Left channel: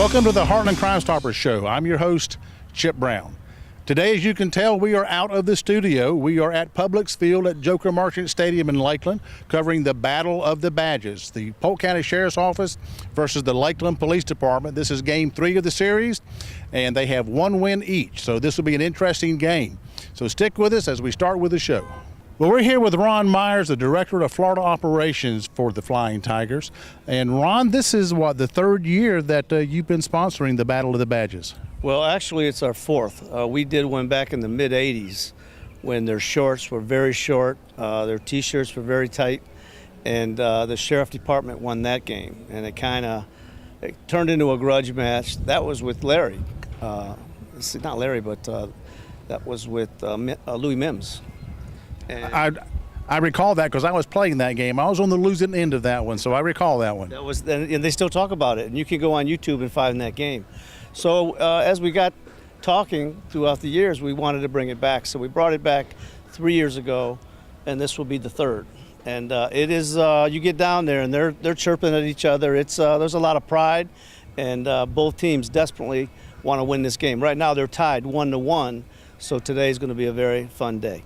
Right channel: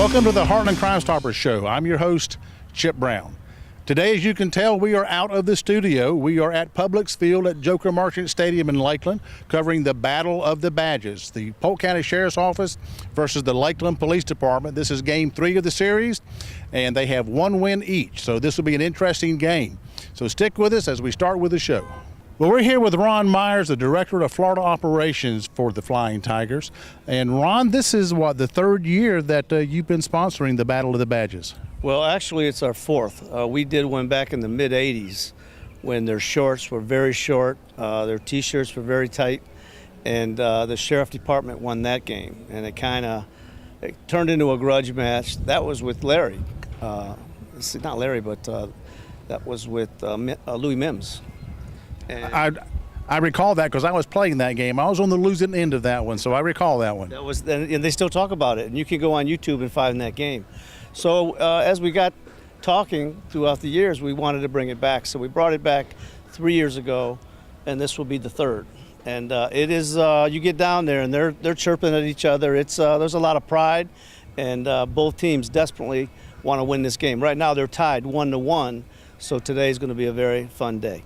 Welcome to the Heartland Crime Stoppers Show. I'm your host, Chip Brown. Today, as you can tell, we are out of the studio. We are at Publix Field at Joker Marchant Stadium in Lakeland, covering the Battle of the Badges, the Polk County Sheriffs Office versus the Lakeland Police Department. This is game 3 of the series, and they have one win each, so this will be an interesting game. So stick with us as we start with the show. Well, we're here with Ron Myers, the Director of Florida Operations for the Flying Tigers. And Ron, this is what, the third year that you've been sponsoring the Battle of the Badges? Well, actually, it's our fourth. We did one back in the mid-'80s when their shorts were very short, their T-shirts were very tight, and the Sheriff Department won that game. And it turned into a grudge match. That was with Larry. Not Larry, but that was with Louis Mims. I recall that because I was playing that game. I was on the losing end of that one, so I recall that one. And they still talk about it, and you can go on YouTube and find that game. So as we got talking throughout the years, we wanted to bring it back. So we brought it back 3 years ago, and this will be the third. And it is you get down there, and they're chirping at each other. There's a lot of pride, and both teams desperately want to win this game. Right now they're tied 1-1, so today is going to be a very fun day.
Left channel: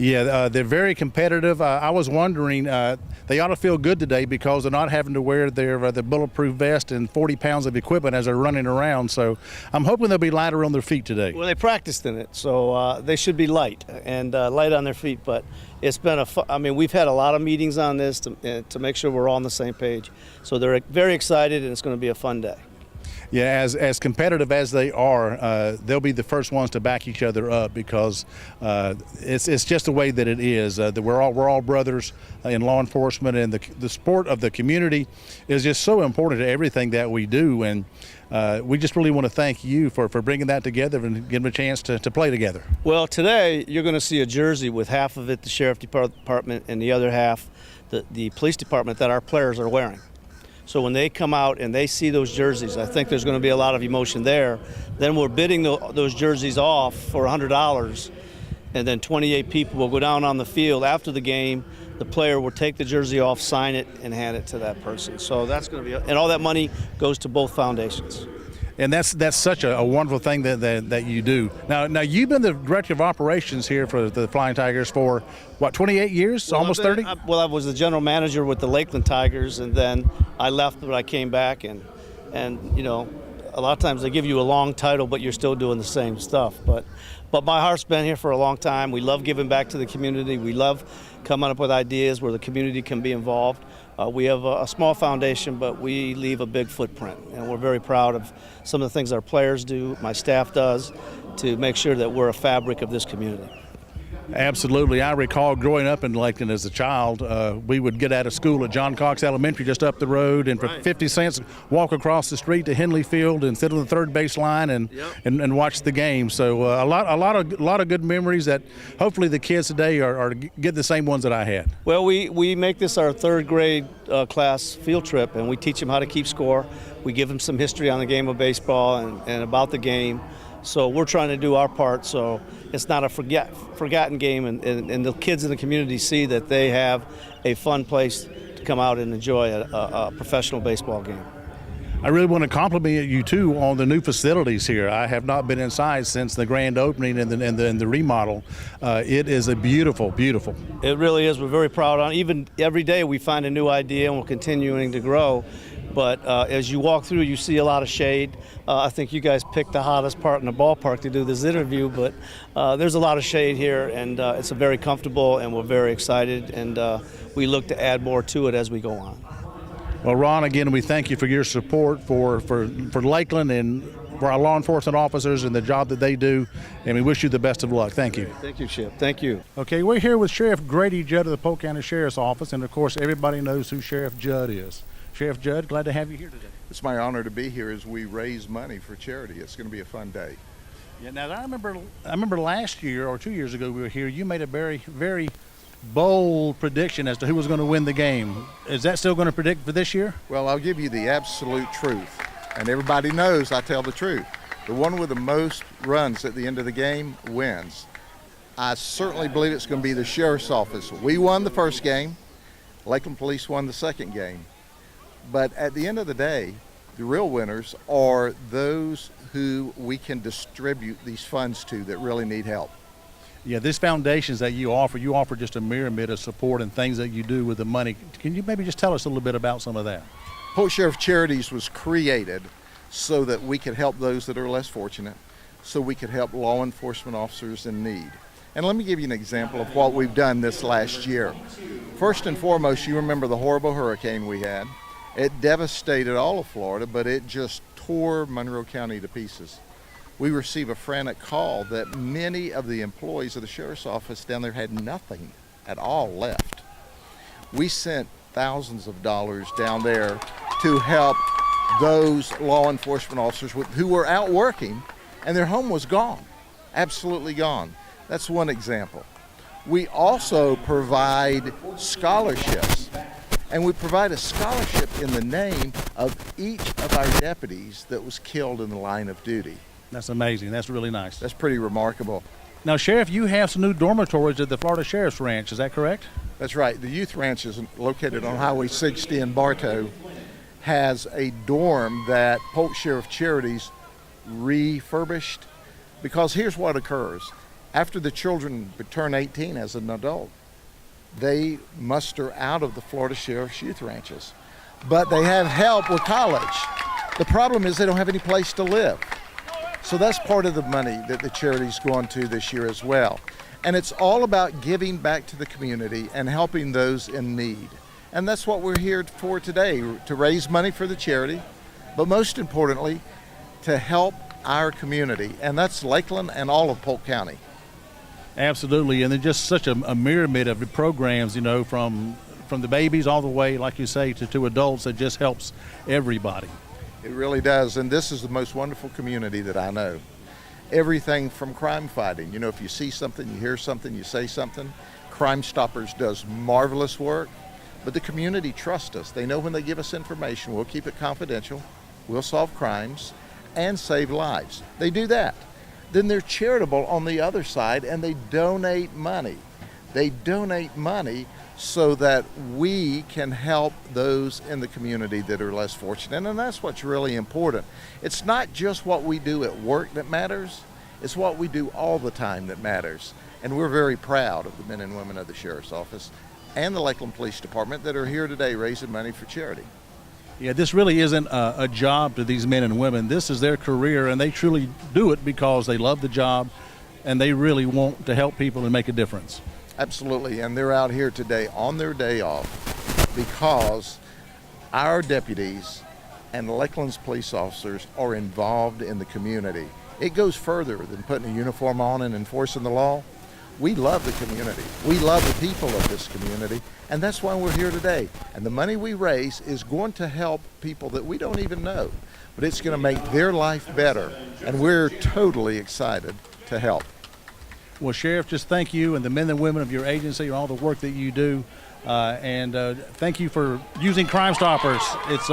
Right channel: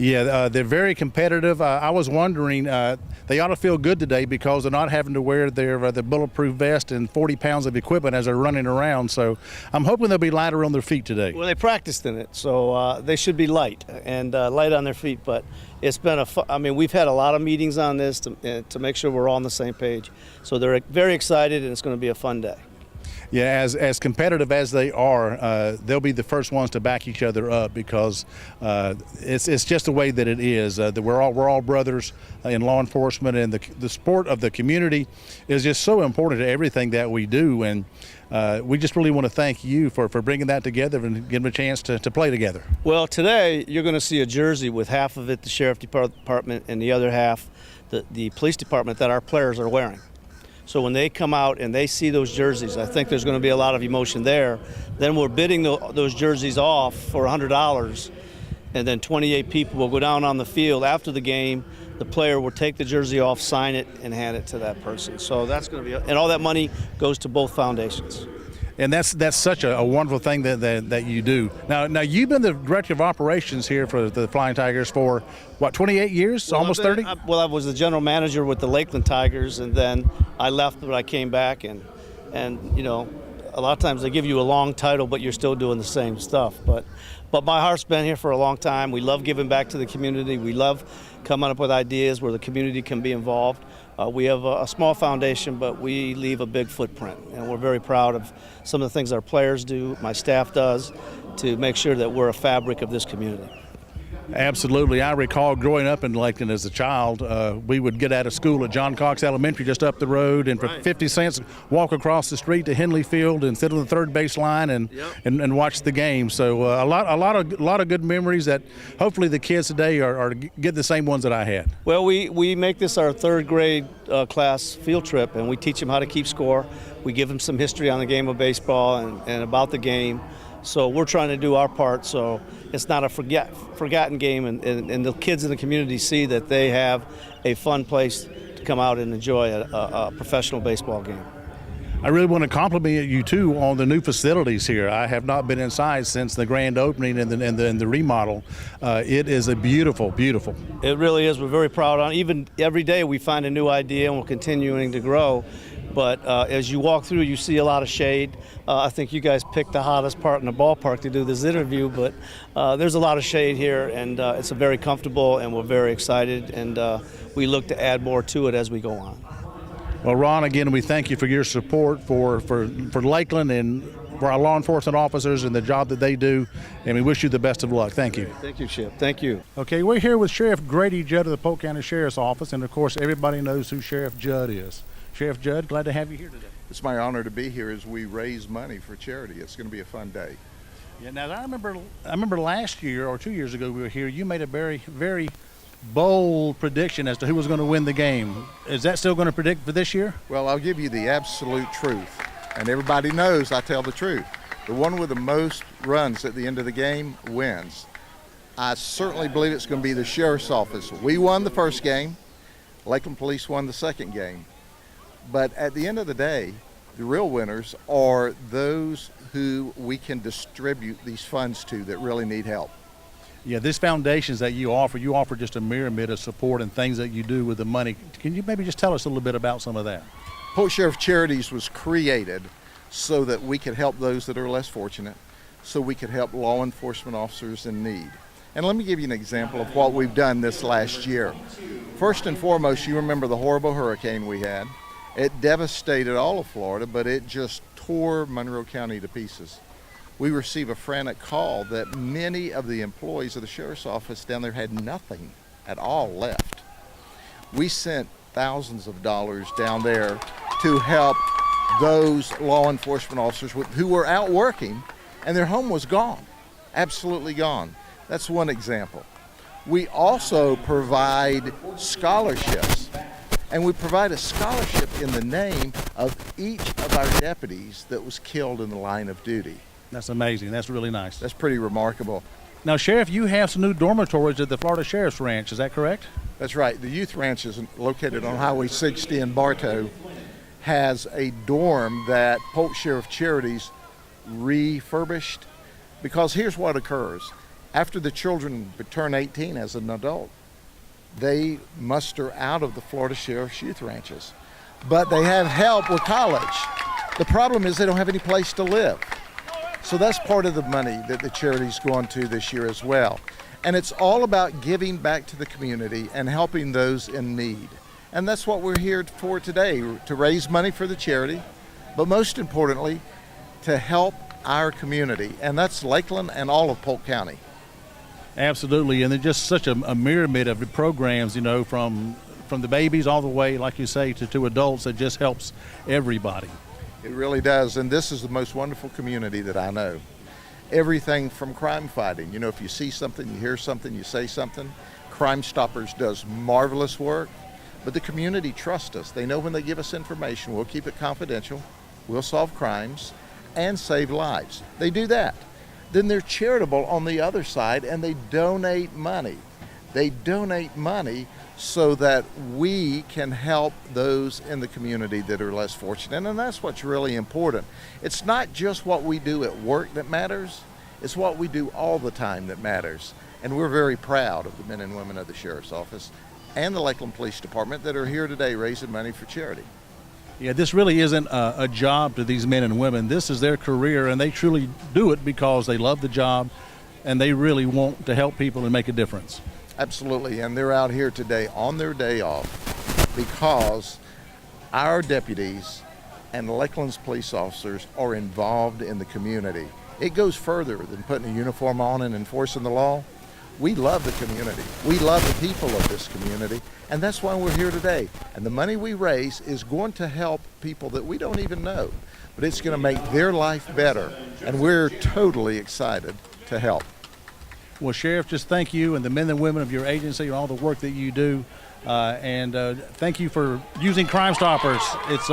Yeah, they're very competitive. I was wondering, they ought to feel good today because they're not having to wear their bulletproof vest and 40 pounds of equipment as they're running around. So I'm hoping they'll be lighter on their feet today. Well, they practiced in it, so they should be light and light on their feet. But it's been we've had a lot of meetings on this to make sure we're all on the same page. So they're very excited, and it's going to be a fun day. Yeah, as competitive as they are, they'll be the first ones to back each other up because it's just the way that it is. That we're all brothers in law enforcement, and the sport of the community is just so important to everything that we do. And we just really want to thank you for bringing that together and giving them a chance to play together. Well, today you're going to see a jersey with half of it the Sheriff Department and the other half the Police Department that our players are wearing. So when they come out and they see those jerseys, I think there's going to be a lot of emotion there. Then we're bidding those jerseys off for $100, and then 28 people will go down on the field after the game. The player will take the jersey off, sign it, and hand it to that person. So that's going to be, and all that money goes to both foundations. And that's such a wonderful thing that you do. Now you've been the Director of Operations here for the Flying Tigers for, what, 28 years, well, almost 30? I was the general manager with the Lakeland Tigers, and then I left, but I came back, and you know, a lot of times they give you a long title, but you're still doing the same stuff. But my heart's been here for a long time. We love giving back to the community. We love coming up with ideas where the community can be involved. We have a small foundation, but we leave a big footprint, and we're very proud of some of the things our players do, my staff does, to make sure that we're a fabric of this community. Absolutely. I recall growing up in Lakeland as a child, we would get out of school at John Cox Elementary just up the road, and for 50 cents walk across the street to Henley Field and sit on the third base line and watch the game. So a lot of good memories that hopefully the kids today are get the same ones that I had. Well, we make this our third grade class field trip, and we teach them how to keep score. We give them some history on the game of baseball and about the game. So we're trying to do our part so it's not a forgotten game, and the kids in the community see that they have a fun place to come out and enjoy a professional baseball game. I really want to compliment you too on the new facilities here. I have not been inside since the grand opening and the remodel. It is a beautiful. It really is. We're very proud on it. Even every day we find a new idea, and we're continuing to grow. But as you walk through, you see a lot of shade. I think you guys picked the hottest part in the ballpark to do this interview, but there's a lot of shade here, and it's very comfortable, and we're very excited, and we look to add more to it as we go on. Well, Ron, again, we thank you for your support for Lakeland and for our law enforcement officers and the job that they do, and we wish you the best of luck. Thank you. Thank you, Chip. Thank you. Okay, we're here with Sheriff Grady Judd of the Polk County Sheriff's Office, and of course everybody knows who Sheriff Judd is. Sheriff Judd, glad to have you here today. It's my honor to be here as we raise money for charity. It's going to be a fun day. Yeah, now I remember last year or 2 years ago we were here. You made a very bold prediction as to who was going to win the game. Is that still going to predict for this year? Well, I'll give you the absolute truth, and everybody knows I tell the truth. The one with the most runs at the end of the game wins. I certainly believe it's going to be the Sheriff's Office. We won the first game. Lakeland Police won the second game. But at the end of the day, The real winners are those who we can distribute these funds to that really need help. Yeah, these foundations that you offer just a myriad of support and things that you do with the money. Can you maybe just tell us a little bit about some of that? Polk Sheriff Charities was created so that we could help those that are less fortunate, so we could help law enforcement officers in need. And let me give you an example of what we've done this last year. First and foremost, you remember the horrible hurricane we had. It devastated all of Florida, but it just tore Monroe County to pieces. We received a frantic call that many of the employees of the Sheriff's Office down there had nothing at all left. We sent thousands of dollars down there to help those law enforcement officers who were out working and their home was gone, absolutely gone. That's one example. We also provide scholarships, and we provide a scholarship in the name of each of our deputies that was killed in the line of duty. That's amazing. That's really nice. That's pretty remarkable. Now, Sheriff, you have some new dormitories at the Florida Sheriff's Ranch. Is that correct? That's right. The youth ranch is located on Highway 60 in Bartow, has a dorm that Polk Sheriff Charities refurbished, because here's what occurs. After the children turn 18 as an adult, they muster out of the Florida Sheriff's youth ranches, but they have help with college. The problem is they don't have any place to live. So that's part of the money that the charity's going to this year as well. And it's all about giving back to the community and helping those in need. And that's what we're here for today, to raise money for the charity, but most importantly, to help our community. And that's Lakeland and all of Polk County. Absolutely, and they're just such a myriad of programs, you know, from the babies all the way, like you say, to adults. That just helps everybody. It really does, and this is the most wonderful community that I know. Everything from crime fighting. You know, if you see something, you hear something, you say something. Crime Stoppers does marvelous work, but the community trusts us. They know when they give us information, we'll keep it confidential, we'll solve crimes, and save lives. They do that. Then they're charitable on the other side, and they donate money. They donate money so that we can help those in the community that are less fortunate, and that's what's really important. It's not just what we do at work that matters, it's what we do all the time that matters. And we're very proud of the men and women of the Sheriff's Office and the Lakeland Police Department that are here today raising money for charity. Yeah, this really isn't a job to these men and women. This is their career, and they truly do it because they love the job and they really want to help people and make a difference. Absolutely, and they're out here today on their day off because our deputies and Lakeland's police officers are involved in the community. It goes further than putting a uniform on and enforcing the law. We love the community. We love the people of this community, and that's why we're here today. And the money we raise is going to help people that we don't even know, but it's going to make their life better, and we're totally excited to help. Well, Sheriff, just thank you and the men and women of your agency and all the work that you do, and thank you for using Crime Stoppers. It's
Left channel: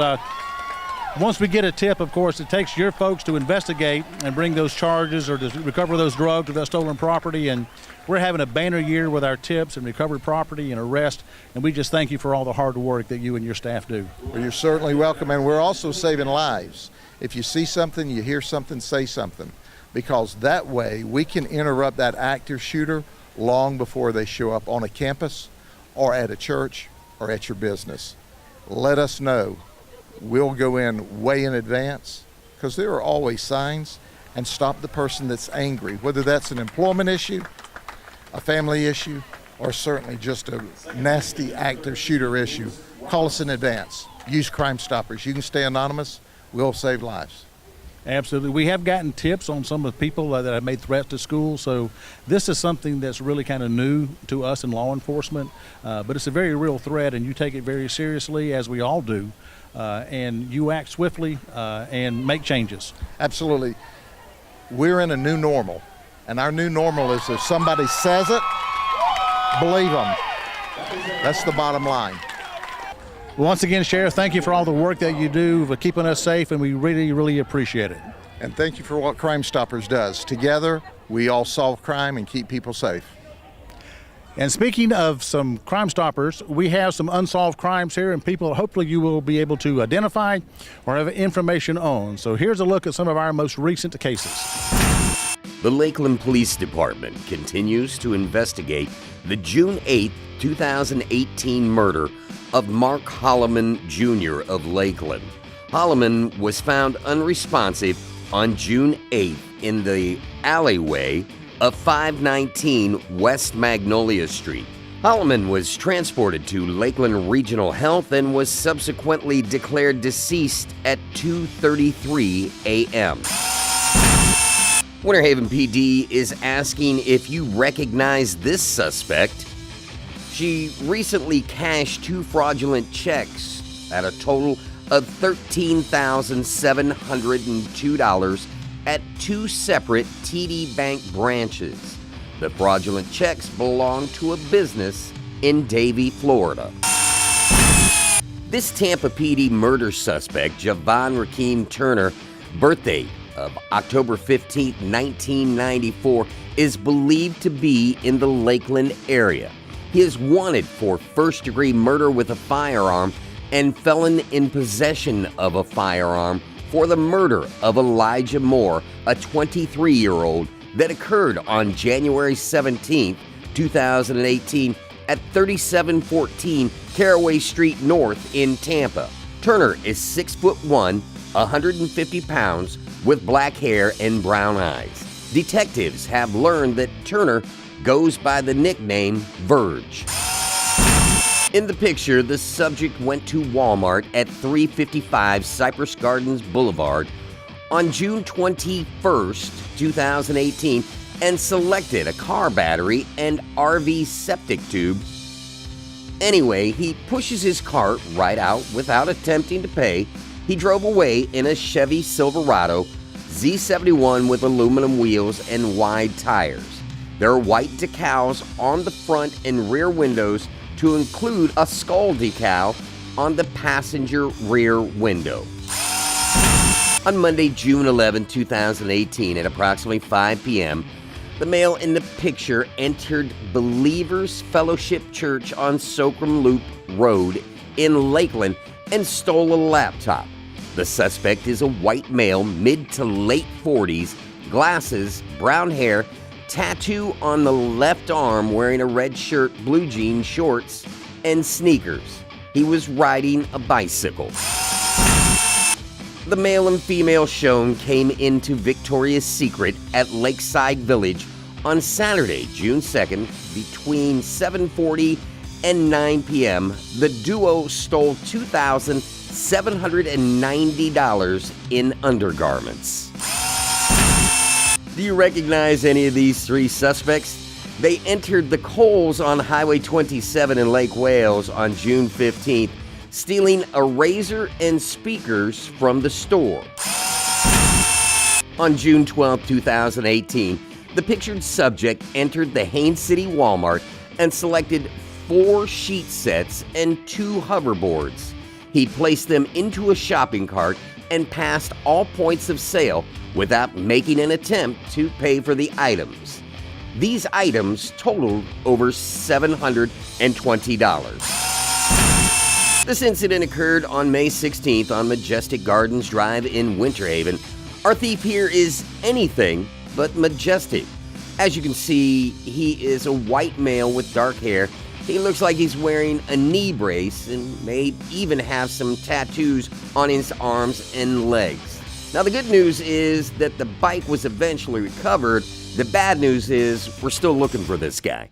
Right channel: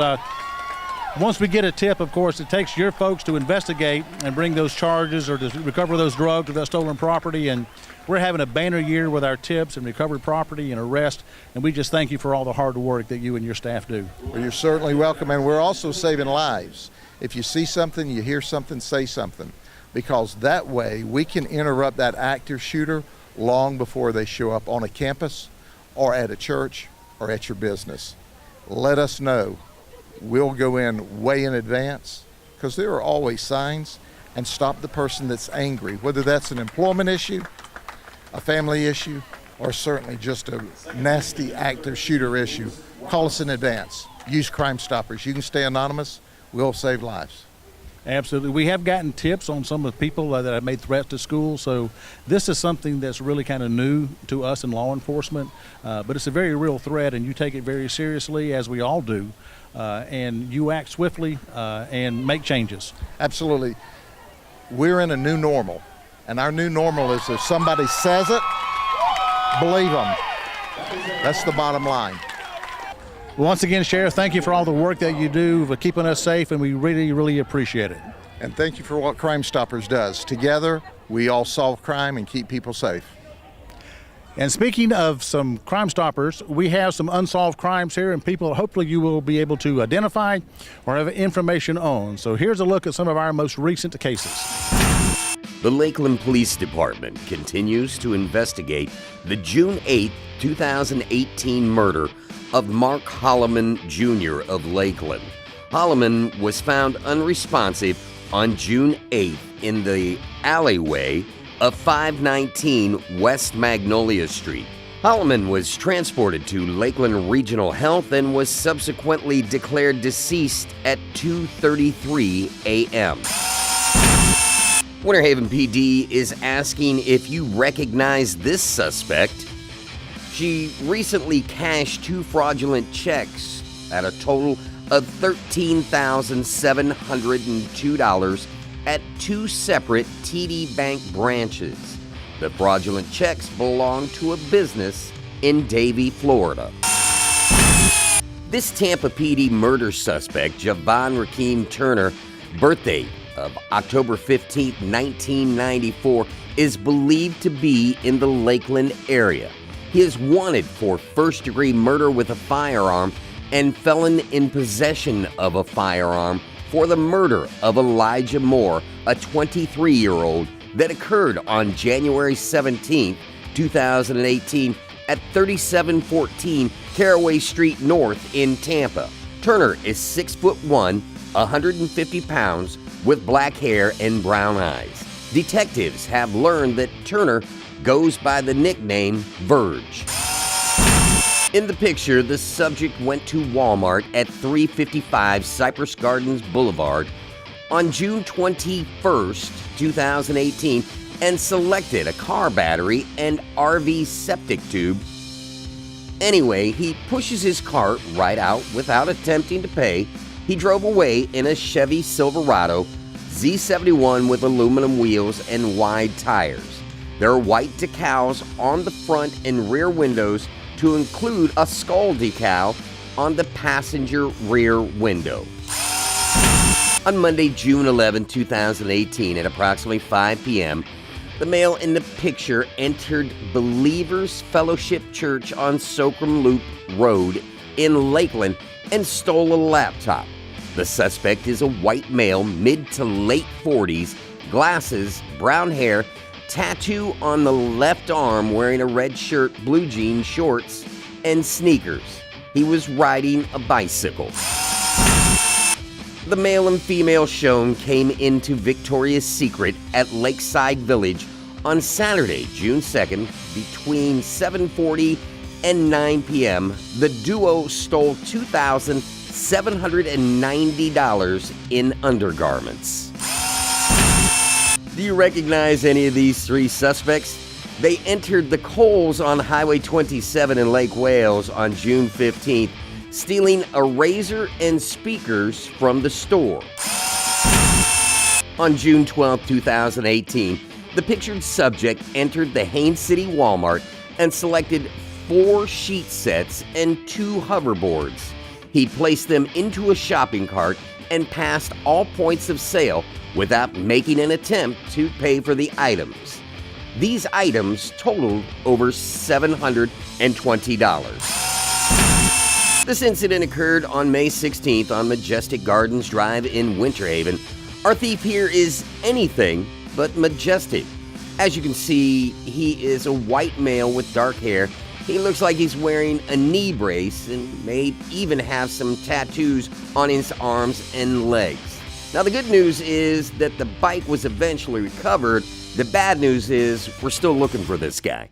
once we get a tip, of course, it takes your folks to investigate and bring those charges or to recover those drugs or that stolen property, and we're having a banner year with our tips and recovered property and arrest, and we just thank you for all the hard work that you and your staff do. Well, you're certainly welcome, and we're also saving lives. If you see something, you hear something, say something, because that way we can interrupt that active shooter long before they show up on a campus or at a church or at your business. Let us know. We'll go in way in advance, because there are always signs, and stop the person that's angry, whether that's an employment issue, a family issue, or certainly just a nasty active shooter issue. Call us in advance. Use Crime Stoppers. You can stay anonymous. We'll save lives. Absolutely. We have gotten tips on some of the people that have made threats to schools, so this is something that's really kind of new to us in law enforcement, but it's a very real threat, and you take it very seriously, as we all do, and you act swiftly and make changes. Absolutely. We're in a new normal, and our new normal is if somebody says it, believe them. That's the bottom line. Once again, Sheriff, thank you for all the work that you do for keeping us safe, and we really, really appreciate it. And thank you for what Crime Stoppers does. Together, we all solve crime and keep people safe. And speaking of some Crime Stoppers, we have some unsolved crimes here and people hopefully you will be able to identify or have information on. So here's a look at some of our most recent cases. The Lakeland Police Department continues to investigate the June 8, 2018 murder of Mark Holloman Jr. of Lakeland. Holloman was found unresponsive on June 8th in the alleyway of 519 West Magnolia Street. Holloman was transported to Lakeland Regional Health and was subsequently declared deceased at 2:33 a.m. Winter Haven PD is asking if you recognize this suspect. She recently cashed 2 fraudulent checks at a total of $13,702 at 2 separate TD Bank branches. The fraudulent checks belong to a business in Davie, Florida. This Tampa PD murder suspect, Javon Rakeem Turner, birthday of October 15, 1994, is believed to be in the Lakeland area. He is wanted for first-degree murder with a firearm and felon in possession of a firearm for the murder of Elijah Moore, a 23-year-old, that occurred on January 17, 2018 at 3714 Caraway Street North in Tampa. Turner is 6'1", 150 pounds, with black hair and brown eyes. Detectives have learned that Turner goes by the nickname Verge. In the picture, the subject went to Walmart at 355 Cypress Gardens Boulevard on June 21st, 2018, and selected a car battery and RV septic tube. Anyway, he pushes his cart right out without attempting to pay. He drove away in a Chevy Silverado Z71 with aluminum wheels and wide tires. There are white decals on the front and rear windows to include a skull decal on the passenger rear window. On Monday, June 11, 2018, at approximately 5 p.m., the male in the picture entered Believers Fellowship Church on Socrum Loop Road in Lakeland and stole a laptop. The suspect is a white male, mid to late 40s, glasses, brown hair, tattoo on the left arm, wearing a red shirt, blue jean shorts, and sneakers. He was riding a bicycle. The male and female shown came into Victoria's Secret at Lakeside Village on Saturday, June 2nd, between 7:40 and 9 p.m. The duo stole $2,790 in undergarments. Do you recognize any of these 3 suspects? They entered the Coles on Highway 27 in Lake Wales on June 15th, stealing a razor and speakers from the store. On June 12, 2018, the pictured subject entered the Haines City Walmart and selected 4 sheet sets and 2 hoverboards. He placed them into a shopping cart and passed all points of sale without making an attempt to pay for the items. These items totaled over $720. This incident occurred on May 16th on Majestic Gardens Drive in Winter Haven. Our thief here is anything but majestic. As you can see, he is a white male with dark hair. He looks like he's wearing a knee brace and may even have some tattoos on his arms and legs. Now, the good news is that the bike was eventually recovered. The bad news is we're still looking for this guy.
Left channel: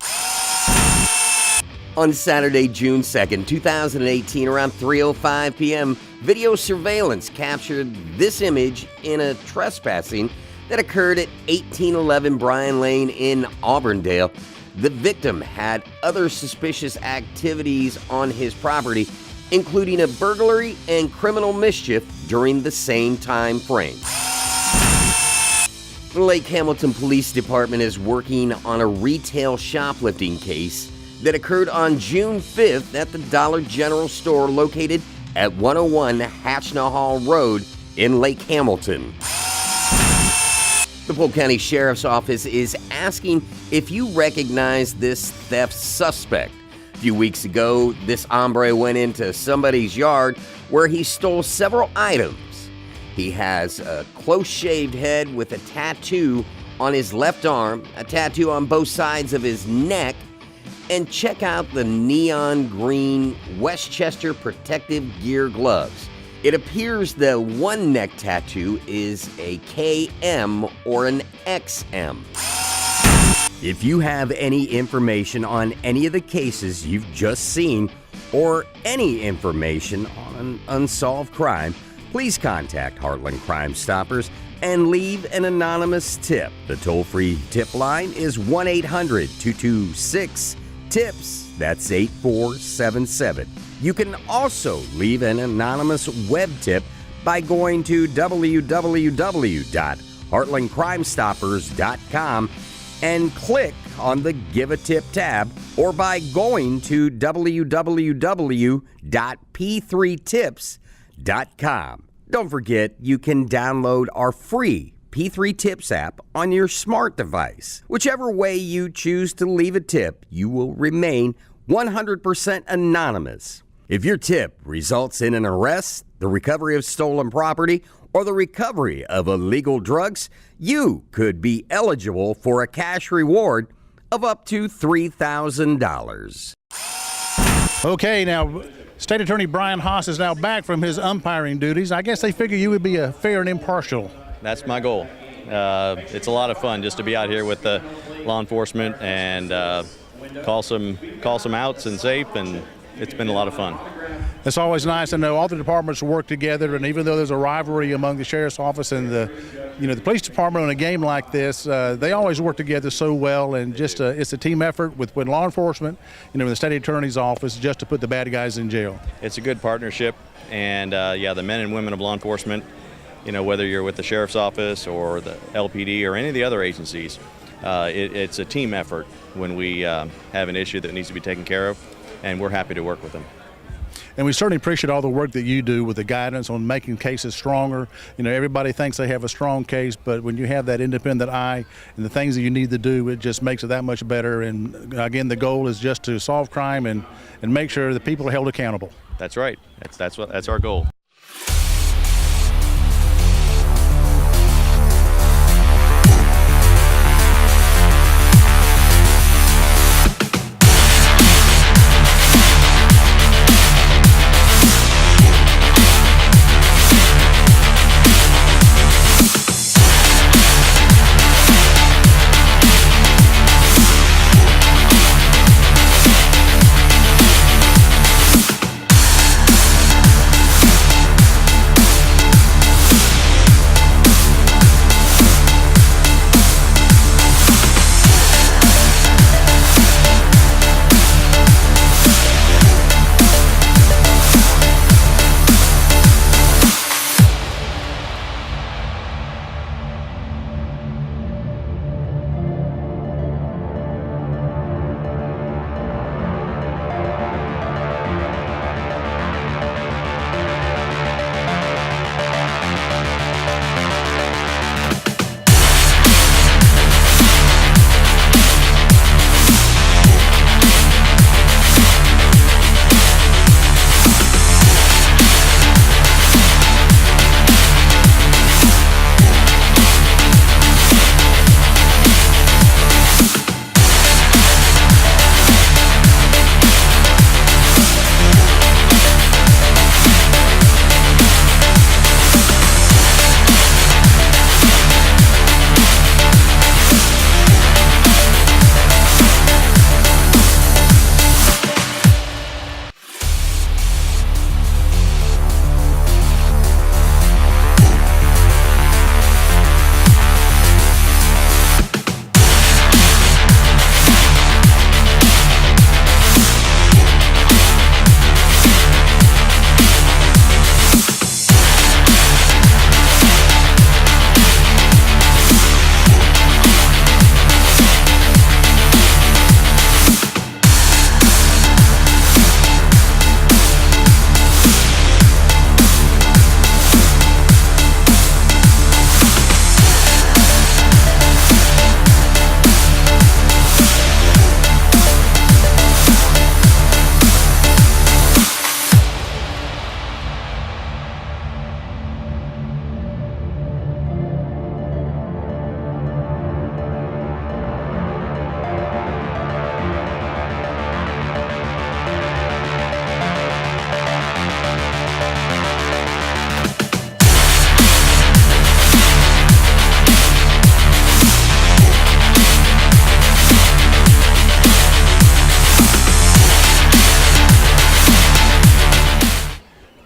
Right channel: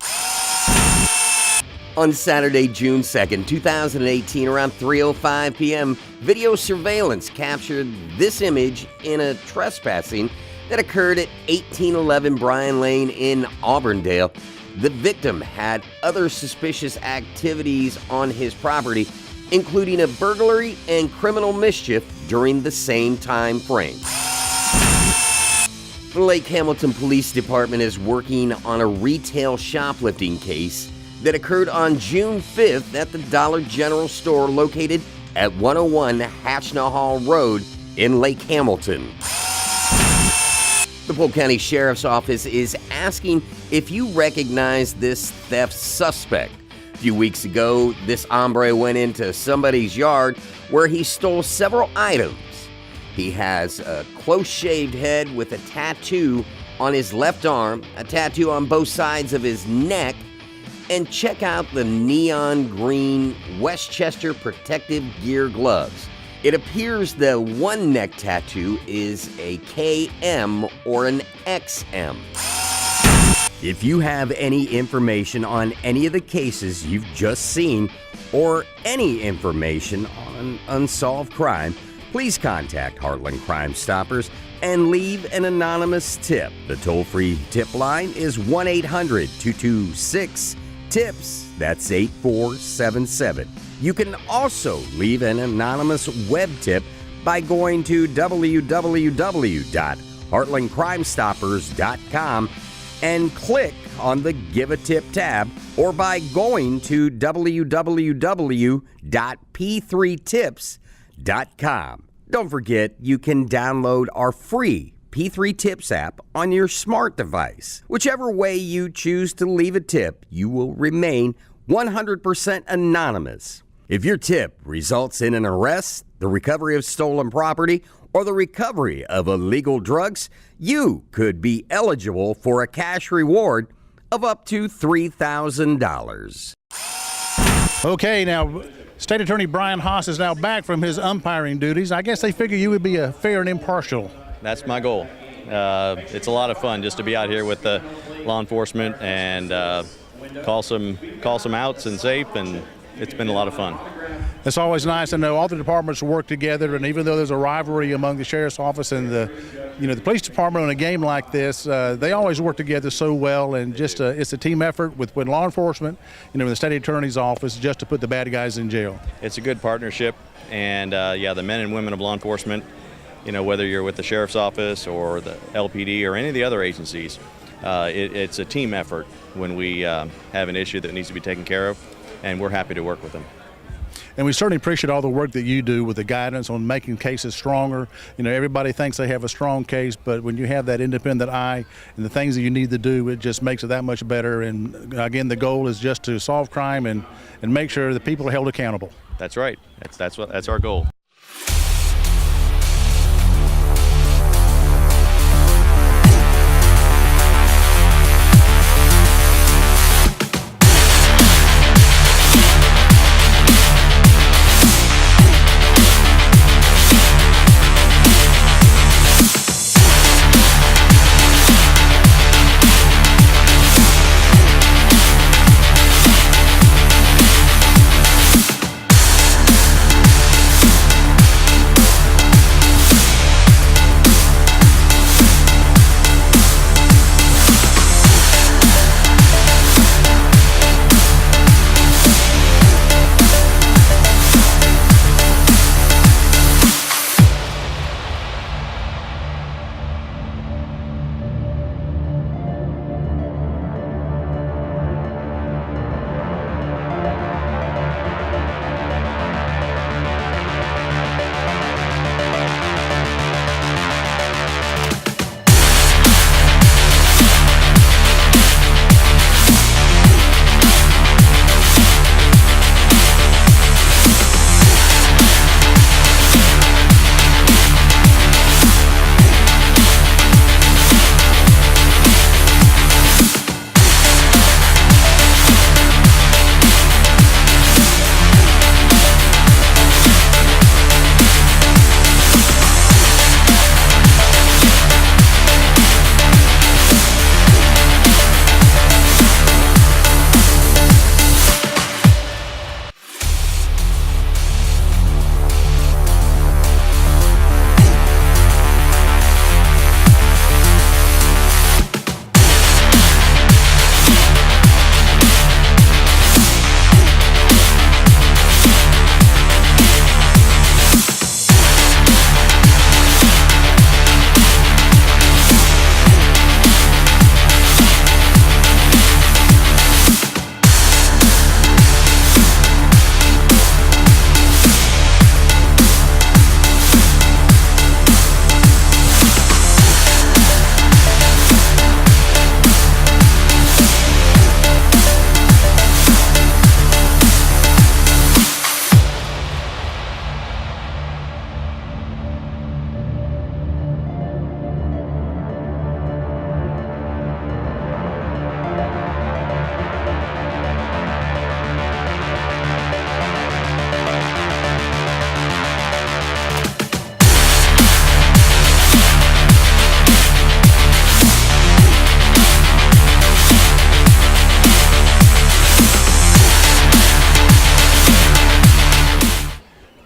On Saturday, June 2nd, 2018, around 3:05 p.m., video surveillance captured this image in a trespassing that occurred at 1811 Bryan Lane in Auburndale. The victim had other suspicious activities on his property, including a burglary and criminal mischief during the same time frame. The Lake Hamilton Police Department is working on a retail shoplifting case that occurred on June 5th at the Dollar General store located at 101 Hatchnahall Road in Lake Hamilton. The Polk County Sheriffs Office is asking if you recognize this theft suspect. A few weeks ago, this hombre went into somebody's yard where he stole several items. He has a close-shaved head with a tattoo on his left arm, a tattoo on both sides of his neck, and check out the neon green Westchester protective gear gloves. It appears the one neck tattoo is a KM or an XM. If you have any information on any of the cases you've just seen or any information on an unsolved crime, please contact Heartland Crime Stoppers and leave an anonymous tip. The toll-free tip line is 1-800-226-TIPS. That's 8477. You can also leave an anonymous web tip by going to www.heartlandcrimestoppers.com and click on the Give a Tip tab, or by going to www.p3tips.com. Don't forget, you can download our free P3 Tips app on your smart device. Whichever way you choose to leave a tip, you will remain 100% anonymous. If your tip results in an arrest, the recovery of stolen property, or the recovery of illegal drugs, you could be eligible for a cash reward of up to $3,000. Okay, now, State Attorney Brian Haas is now back from his umpiring duties. I guess they figure you would be a fair and impartial. That's my goal. It's a lot of fun just to be out here with the law enforcement and call some outs and safe, and it's been a lot of fun. It's always nice to know all the departments work together, and even though there's a rivalry among the sheriff's office and the police department on a game like this, they always work together so well, and just it's a team effort with law enforcement, the state attorney's office, just to put the bad guys in jail. It's a good partnership, and the men and women of law enforcement, whether you're with the sheriff's office or the LPD or any of the other agencies, it's a team effort when we have an issue that needs to be taken care of, and we're happy to work with them. And we certainly appreciate all the work that you do with the guidance on making cases stronger. Everybody thinks they have a strong case, but when you have that independent eye and the things that you need to do, it just makes it that much better. And again, the goal is just to solve crime and make sure that people are held accountable. That's right. That's our goal.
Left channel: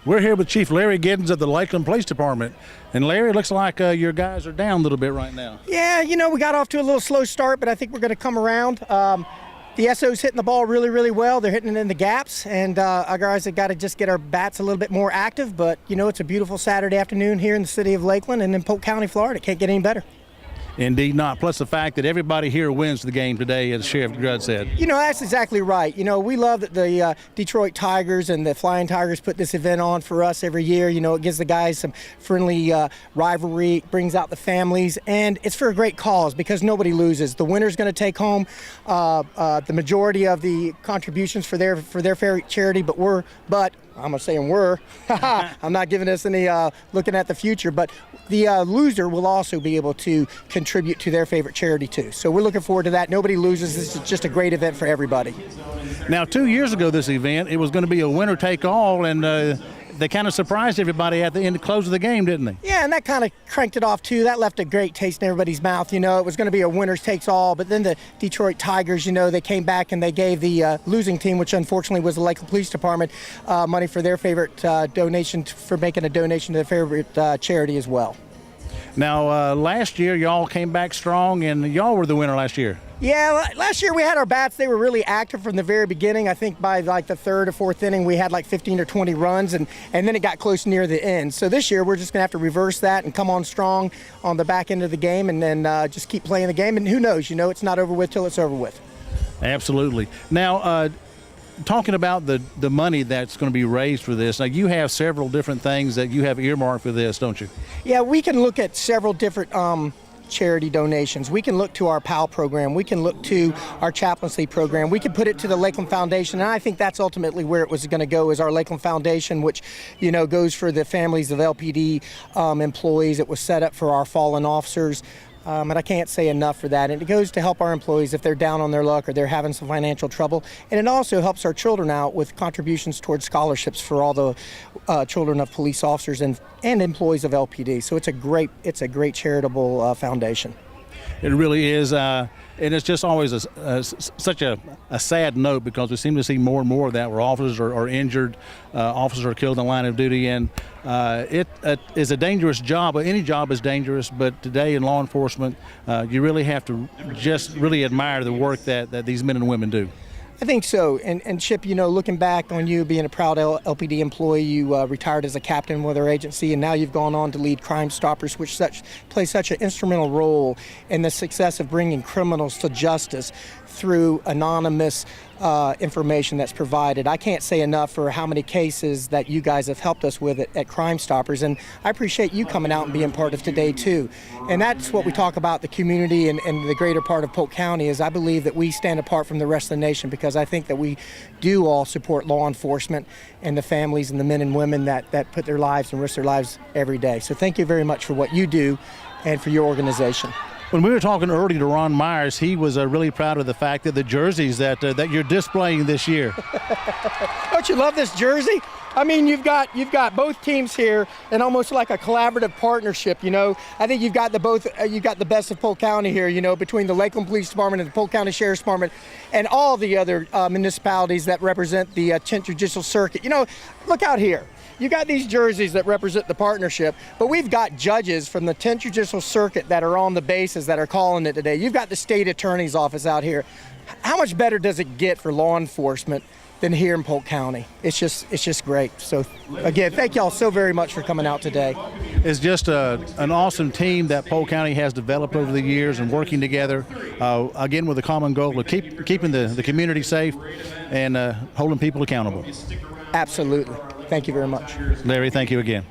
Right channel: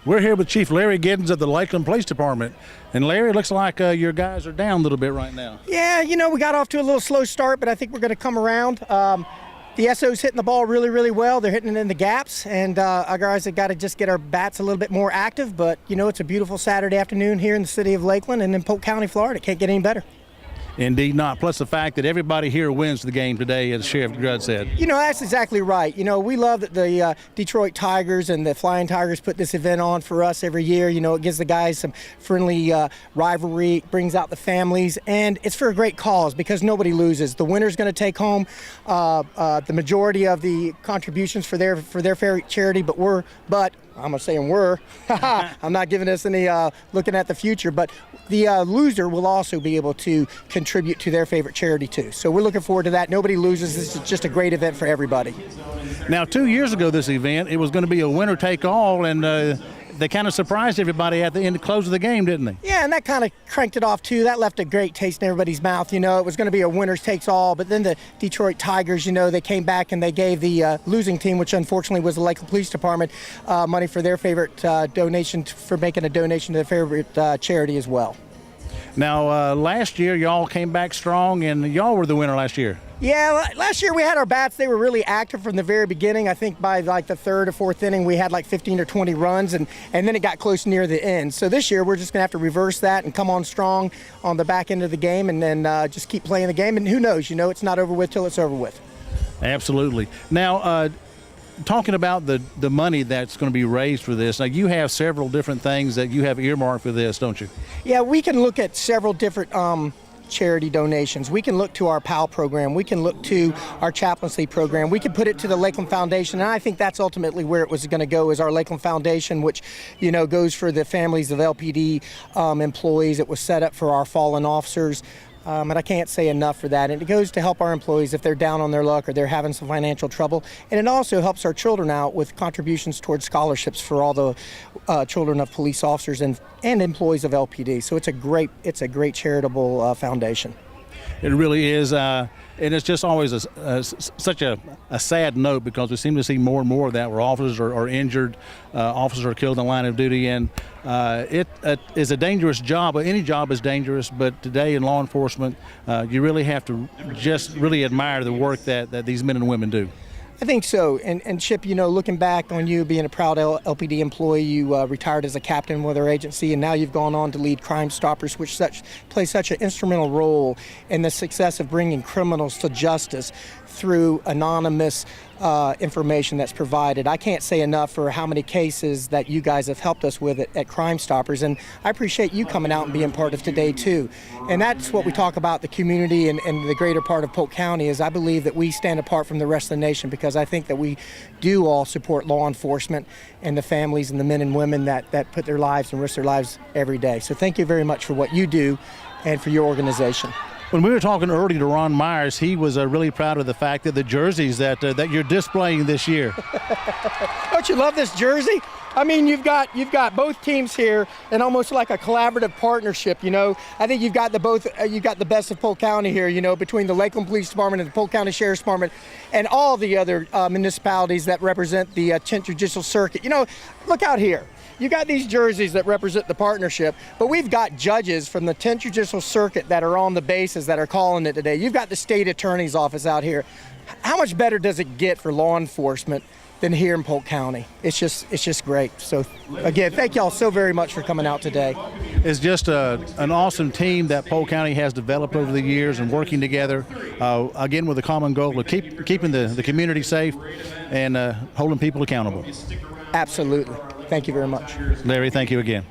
We're here with Chief Larry Giddens of the Lakeland Police Department. And Larry, it looks like your guys are down a little bit right now. Yeah, we got off to a little slow start, but I think we're going to come around. The SO's hitting the ball really, really well. They're hitting it in the gaps, and our guys have got to just get our bats a little bit more active. But, it's a beautiful Saturday afternoon here in the city of Lakeland and in Polk County, Florida. It can't get any better. Indeed not. Plus the fact that everybody here wins the game today, as Sheriff Grudd said. That's exactly right. We love that the Detroit Tigers and the Flying Tigers put this event on for us every year. It gives the guys some friendly rivalry, brings out the families, and it's for a great cause because nobody loses. The winner's going to take home the majority of the contributions for their fair charity, but I'm saying we're. I'm not giving us any looking at the future, but the loser will also be able to contribute to their favorite charity too. So we're looking forward to that. Nobody loses. This is just a great event for everybody. Now, 2 years ago, this event, it was going to be a winner-take-all, and they kind of surprised everybody at the end, close of the game, didn't they? Yeah, and that kind of cranked it off too. That left a great taste in everybody's mouth. It was going to be a winners takes all, but then the Detroit Tigers, they came back and they gave the losing team, which unfortunately was the Lakeland Police Department, money for their favorite donation, for making a donation to their favorite charity as well. Now, last year, y'all came back strong, and y'all were the winner last year. Yeah, last year we had our bats. They were really active from the very beginning. I think by like the third or fourth inning, we had like 15 or 20 runs, and then it got close near the end. So this year, we're just going to have to reverse that and come on strong on the back end of the game and then just keep playing the game. And who knows, it's not over with till it's over with. Absolutely. Now, talking about the money that's going to be raised for this, now you have several different things that you have earmarked for this, don't you? Yeah, we can look at several different charity donations. We can look to our PAL program. We can look to our chaplaincy program. We can put it to the Lakeland Foundation, and I think that's ultimately where it was going to go, is our Lakeland Foundation, which goes for the families of LPD employees. It was set up for our fallen officers. And I can't say enough for that. And it goes to help our employees if they're down on their luck or they're having some financial trouble. And it also helps our children out with contributions towards scholarships for all the children of police officers and employees of LPD. So it's a great charitable foundation. It really is, and it's just always such a sad note because we seem to see more and more of that where officers are injured, officers are killed in the line of duty, and it is a dangerous job. Any job is dangerous, but today in law enforcement, you really have to just really admire the work that these men and women do. I think so. And Chip, looking back on you being a proud LPD employee, you retired as a captain with our agency, and now you've gone on to lead Crime Stoppers, which plays such an instrumental role in the success of bringing criminals to justice through anonymous information that's provided. I can't say enough for how many cases that you guys have helped us with at Crime Stoppers, and I appreciate you coming out and being part of today too. And that's what we talk about, the community and the greater part of Polk County, is I believe that we stand apart from the rest of the nation because I think that we do all support law enforcement and the families and the men and women that put their lives and risk their lives every day. So thank you very much for what you do and for your organization. When we were talking earlier to Ron Myers, he was really proud of the fact that the jerseys that you're displaying this year. Don't you love this jersey? I mean, you've got both teams here, and almost like a collaborative partnership. I think you've got the best of Polk County here. Between the Lakeland Police Department and the Polk County Sheriffs Department, and all the other municipalities that represent the 10th Judicial Circuit. Look out here. You got these jerseys that represent the partnership, but we've got judges from the 10th Judicial Circuit that are on the bases that are calling it today. You've got the state attorney's office out here. How much better does it get for law enforcement than here in Polk County? It's just great. So again, thank y'all so very much for coming out today. It's just an awesome team that Polk County has developed over the years and working together, again with a common goal of keeping the community safe and holding people accountable. Absolutely. Thank you very much. Larry, thank you again.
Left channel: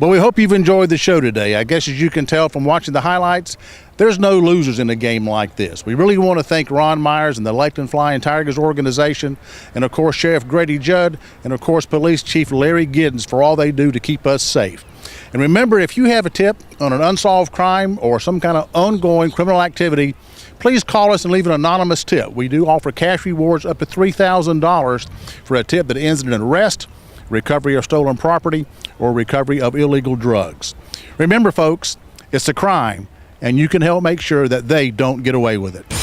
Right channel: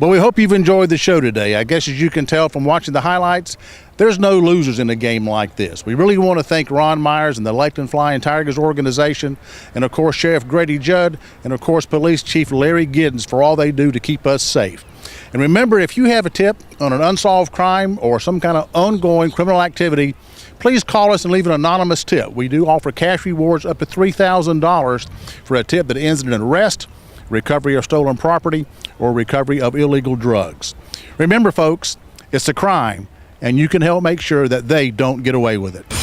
Well, we hope you've enjoyed the show today. I guess as you can tell from watching the highlights, there's no losers in a game like this. We really want to thank Ron Myers and the Lakeland Flying Tigers organization, and of course Sheriff Grady Judd, and of course Police Chief Larry Giddens for all they do to keep us safe. And remember, if you have a tip on an unsolved crime or some kind of ongoing criminal activity, please call us and leave an anonymous tip. We do offer cash rewards up to $3,000 for a tip that ends in an arrest, recovery of stolen property, or recovery of illegal drugs. Remember, folks, it's a crime, and you can help make sure that they don't get away with it.